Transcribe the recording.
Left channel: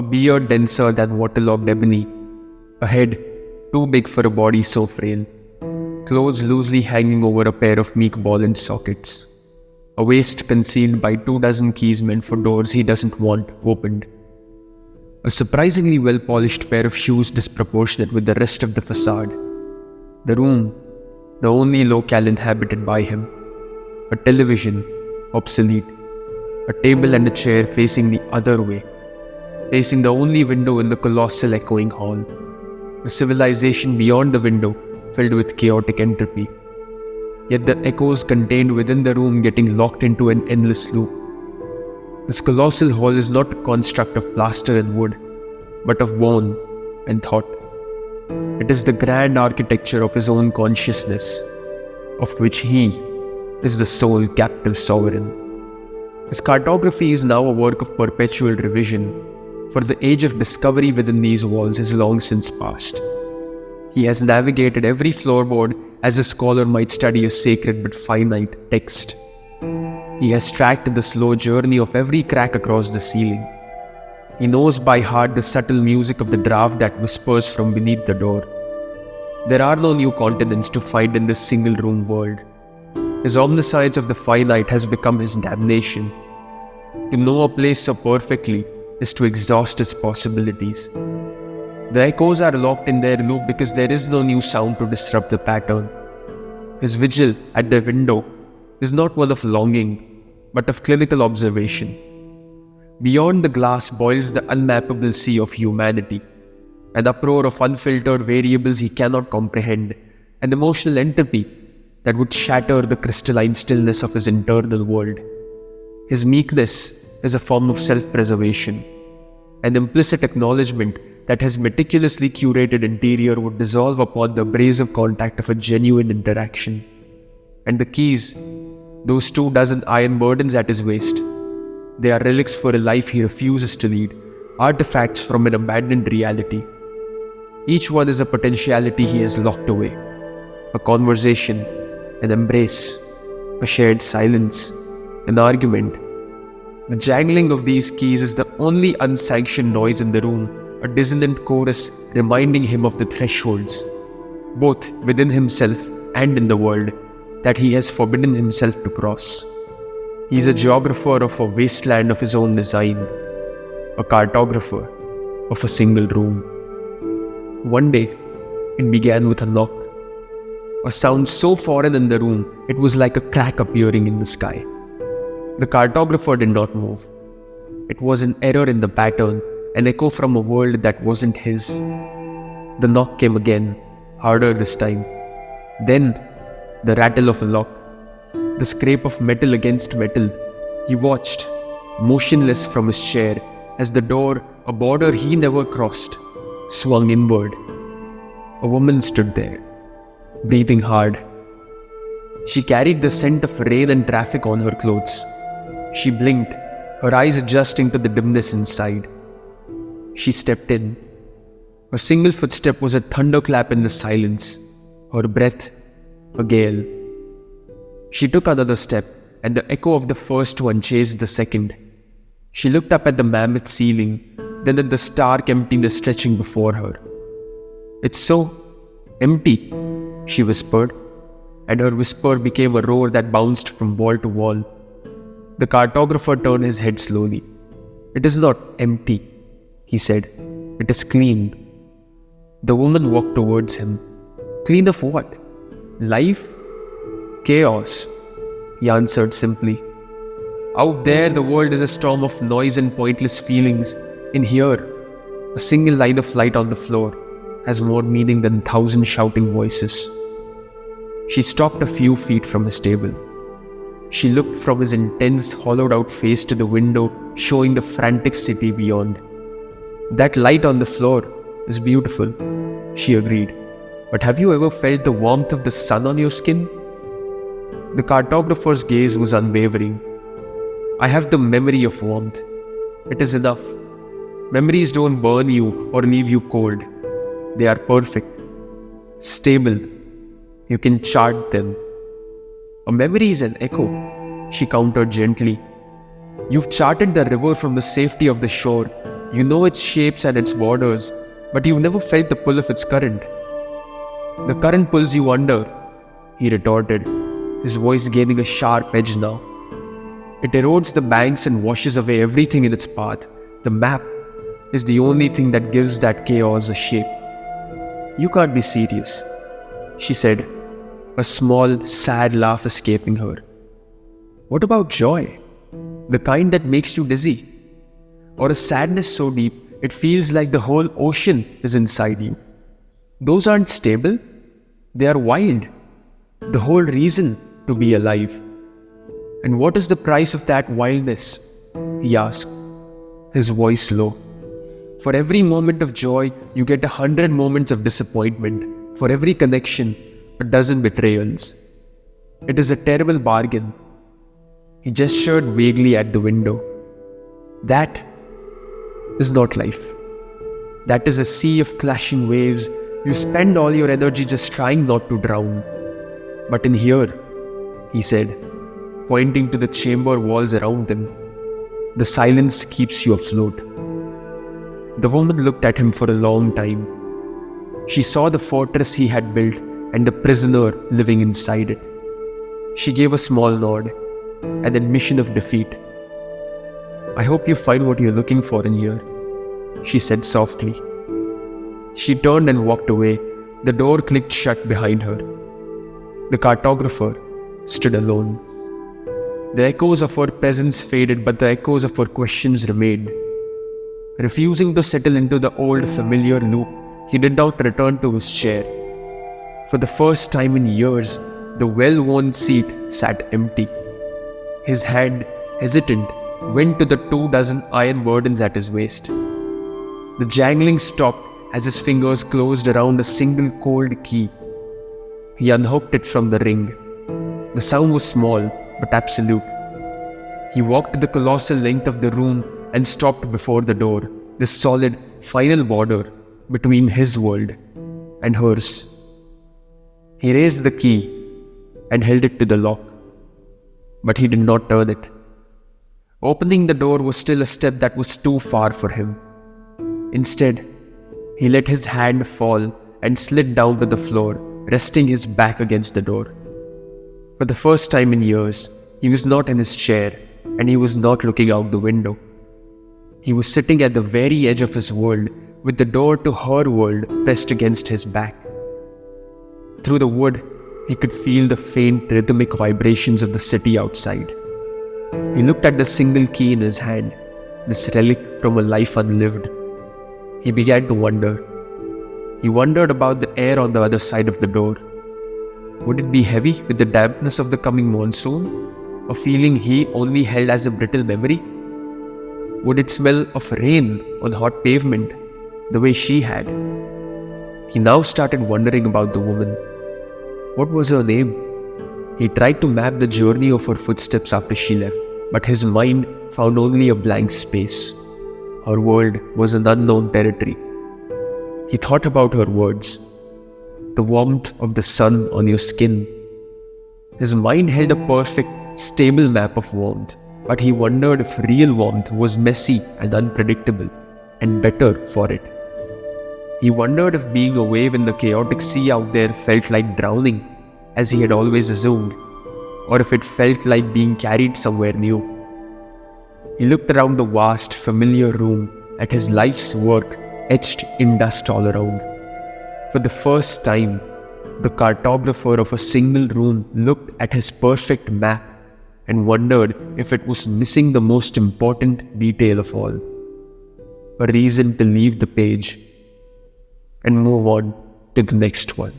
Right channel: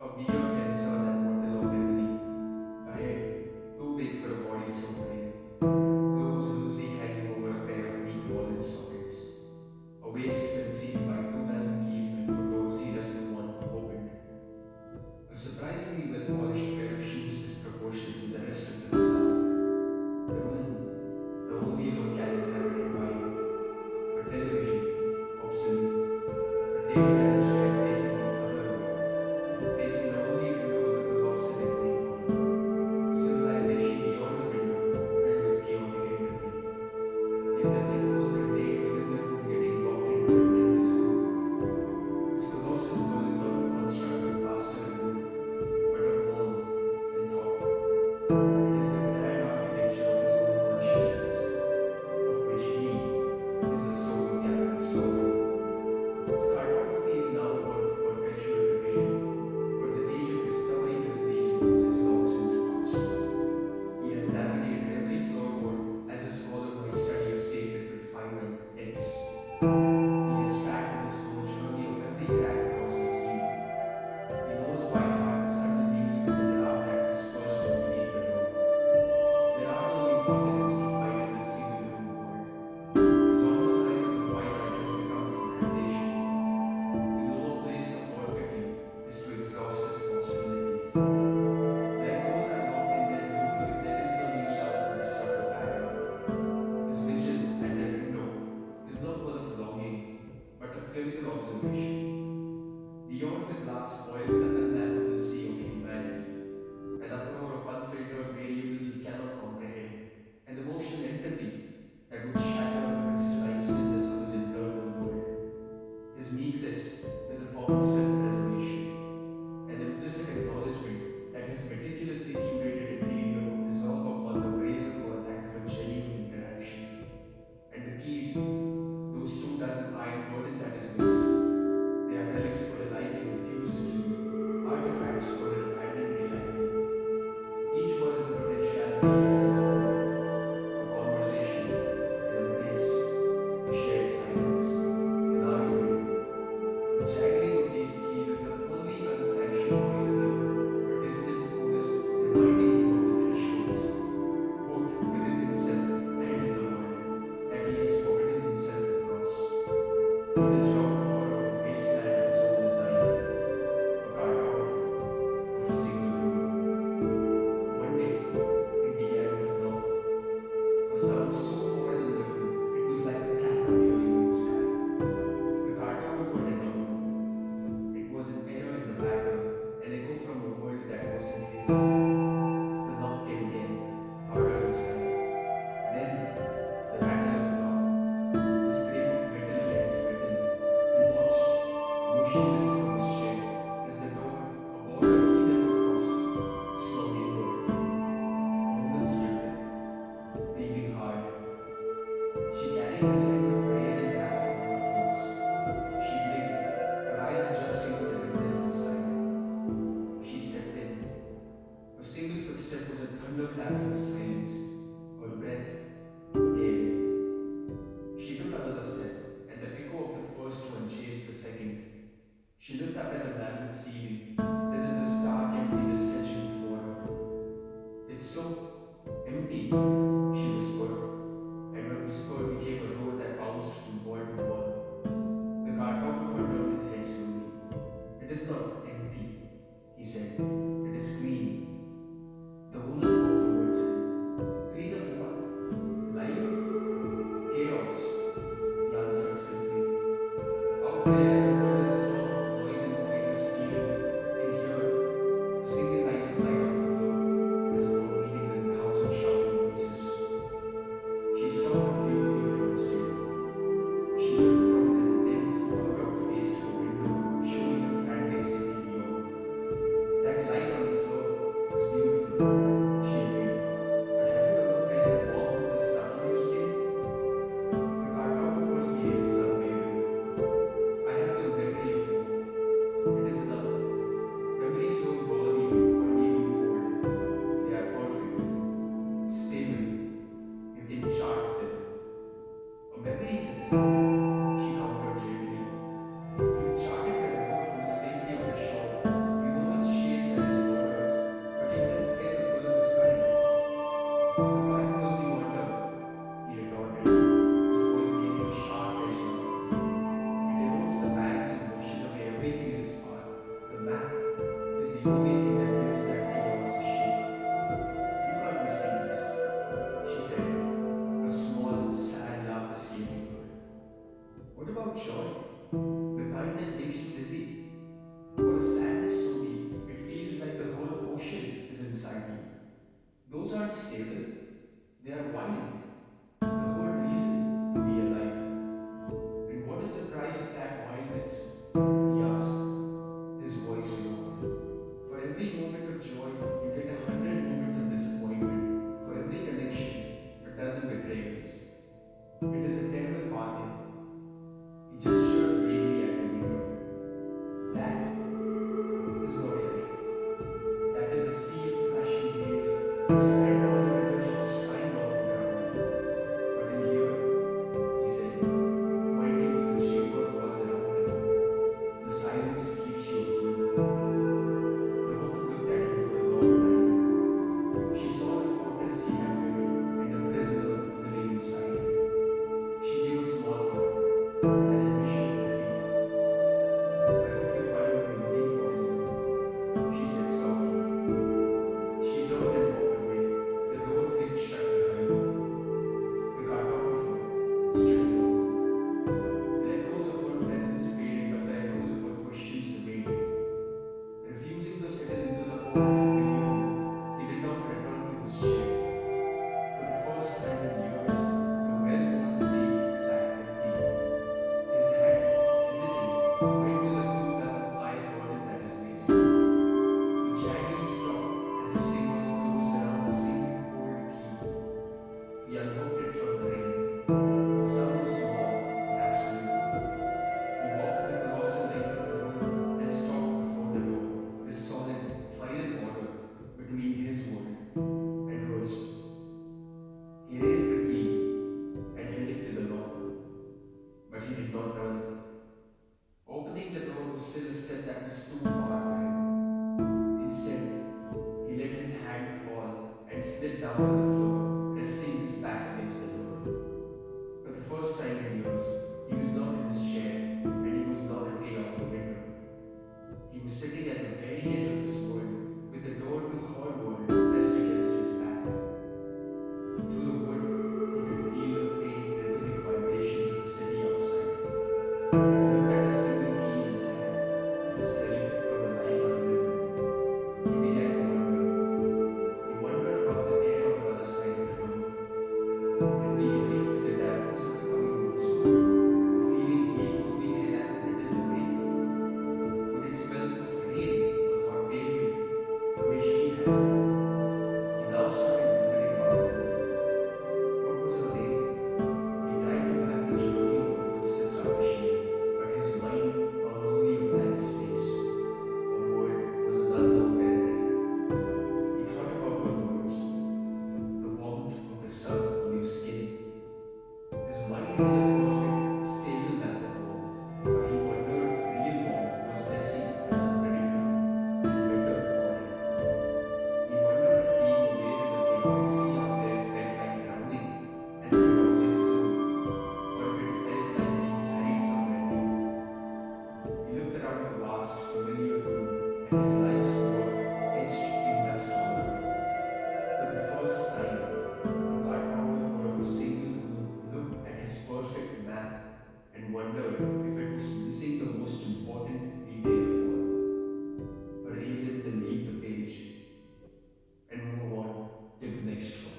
A beard denser than waterlogged ebony. A head too big for a body so frail. Clothes loosely hanging over a pair of meek ball and sockets. A waist concealed by 24 keys meant for doors he doesn't want opened. A surprisingly well-polished pair of shoes disproportionate with the rest of the facade. The room, the only locale inhabited by him. A television, obsolete. A table and a chair facing the other way, facing the only window in the colossal echoing hall. The civilization beyond the window filled with chaotic entropy. Yet the echoes contained within the room getting locked into an endless loop. This colossal hall is not a construct of plaster and wood, but of bone and thought. It is the grand architecture of his own consciousness, of which he is the sole captive sovereign. His cartography is now a work of perpetual revision, for the age of discovery within these walls is long since past. He has navigated every floorboard as a scholar might study a sacred but finite text. He has tracked the slow journey of every crack across the ceiling. He knows by heart the subtle music of the draft that whispers from beneath the door. There are no new continents to find in this single-room world. His omniscience of the finite has become his damnation. To know a place so perfectly is to exhaust its possibilities. The echoes are locked in their loop because there is no new sound to disrupt the pattern. His vigil at the window is not one of longing, but of clinical observation. Beyond the glass boils the unmappable sea of humanity, an uproar of unfiltered variables he cannot comprehend, an emotional entropy that would shatter the crystalline stillness of his internal world. His meekness is a form of self-preservation, an implicit acknowledgement that his meticulously curated interior would dissolve upon the abrasive contact of a genuine interaction. And the keys, those 24 iron burdens at his waist, they are relics for a life he refuses to lead, artifacts from an abandoned reality. Each one is a potentiality he has locked away, a conversation, an embrace, a shared silence, an argument. The jangling of these keys is the only unsanctioned noise in the room, a dissonant chorus reminding him of the thresholds, both within himself and in the world, that he has forbidden himself to cross. He is a geographer of a wasteland of his own design, a cartographer of a single room. One day, it began with a knock, a sound so foreign in the room it was like a crack appearing in the sky. The cartographer did not move. It was an error in the pattern, an echo from a world that wasn't his. The knock came again, harder this time. Then, the rattle of a lock, the scrape of metal against metal. He watched, motionless from his chair, as the door, a border he never crossed, swung inward. A woman stood there, breathing hard. She carried the scent of rain and traffic on her clothes. She blinked, her eyes adjusting to the dimness inside. She stepped in. Her single footstep was a thunderclap in the silence, her breath a gale. She took another step, and the echo of the first one chased the second. She looked up at the mammoth ceiling, then at the stark emptiness stretching before her. "It's so empty," she whispered, and her whisper became a roar that bounced from wall to wall. The cartographer turned his head slowly. "It is not empty," he said. "It is clean." The woman walked towards him. "Clean of what? Life? Chaos," he answered simply. "Out there, the world is a storm of noise and pointless feelings. In here, a single line of light on the floor has more meaning than 1,000 shouting voices." She stopped a few feet from his table. She looked from his intense, hollowed-out face to the window, showing the frantic city beyond. "That light on the floor is beautiful," she agreed. "But have you ever felt the warmth of the sun on your skin?" The cartographer's gaze was unwavering. "I have the memory of warmth. It is enough. Memories don't burn you or leave you cold. They are perfect, stable. You can chart them." "A memory is an echo," she countered gently. You've charted the river from the safety of the shore. You know its shapes and its borders, but you've never felt the pull of its current. The current pulls you under, he retorted, his voice gaining a sharp edge now. It erodes the banks and washes away everything in its path. The map is the only thing that gives that chaos a shape. You can't be serious, she said, a small, sad laugh escaping her. What about joy? The kind that makes you dizzy? Or a sadness so deep it feels like the whole ocean is inside you? Those aren't stable. They are wild. The whole reason to be alive. And what is the price of that wildness? He asked, his voice low. For every moment of joy, you get 100 moments of disappointment. For every connection, a dozen betrayals. It is a terrible bargain. He gestured vaguely at the window. That is not life. That is a sea of clashing waves. You spend all your energy just trying not to drown. But in here, he said, pointing to the chamber walls around them, the silence keeps you afloat. The woman looked at him for a long time. She saw the fortress he had built and the prisoner living inside it. She gave a small nod, an admission of defeat. I hope you find what you're looking for in here, she said softly. She turned and walked away. The door clicked shut behind her. The cartographer stood alone. The echoes of her presence faded, but the echoes of her questions remained. Refusing to settle into the old familiar loop, he did not return to his chair. For the first time in years, the well-worn seat sat empty. His hand, hesitant, went to the 24 iron burdens at his waist. The jangling stopped as his fingers closed around a single cold key. He unhooked it from the ring. The sound was small, but absolute. He walked the colossal length of the room and stopped before the door, the solid, final border between his world and hers. He raised the key and held it to the lock, but he did not turn it. Opening the door was still a step that was too far for him. Instead, he let his hand fall and slid down to the floor, resting his back against the door. For the first time in years, he was not in his chair and he was not looking out the window. He was sitting at the very edge of his world with the door to her world pressed against his back. Through the wood, he could feel the faint rhythmic vibrations of the city outside. He looked at the single key in his hand, this relic from a life unlived. He began to wonder. He wondered about the air on the other side of the door. Would it be heavy with the dampness of the coming monsoon? A feeling he only held as a brittle memory? Would it smell of rain on hot pavement, the way she had? He now started wondering about the woman. What was her name? He tried to map the journey of her footsteps after she left, but his mind found only a blank space. Her world was an unknown territory. He thought about her words. The warmth of the sun on your skin. His mind held a perfect, stable map of warmth, but he wondered if real warmth was messy and unpredictable, and better for it. He wondered if being a wave in the chaotic sea out there felt like drowning, as he had always assumed, or if it felt like being carried somewhere new. He looked around the vast, familiar room at his life's work etched in dust all around. For the first time, the cartographer of a single room looked at his perfect map and wondered if it was missing the most important detail of all. A reason to leave the page and move on to the next one.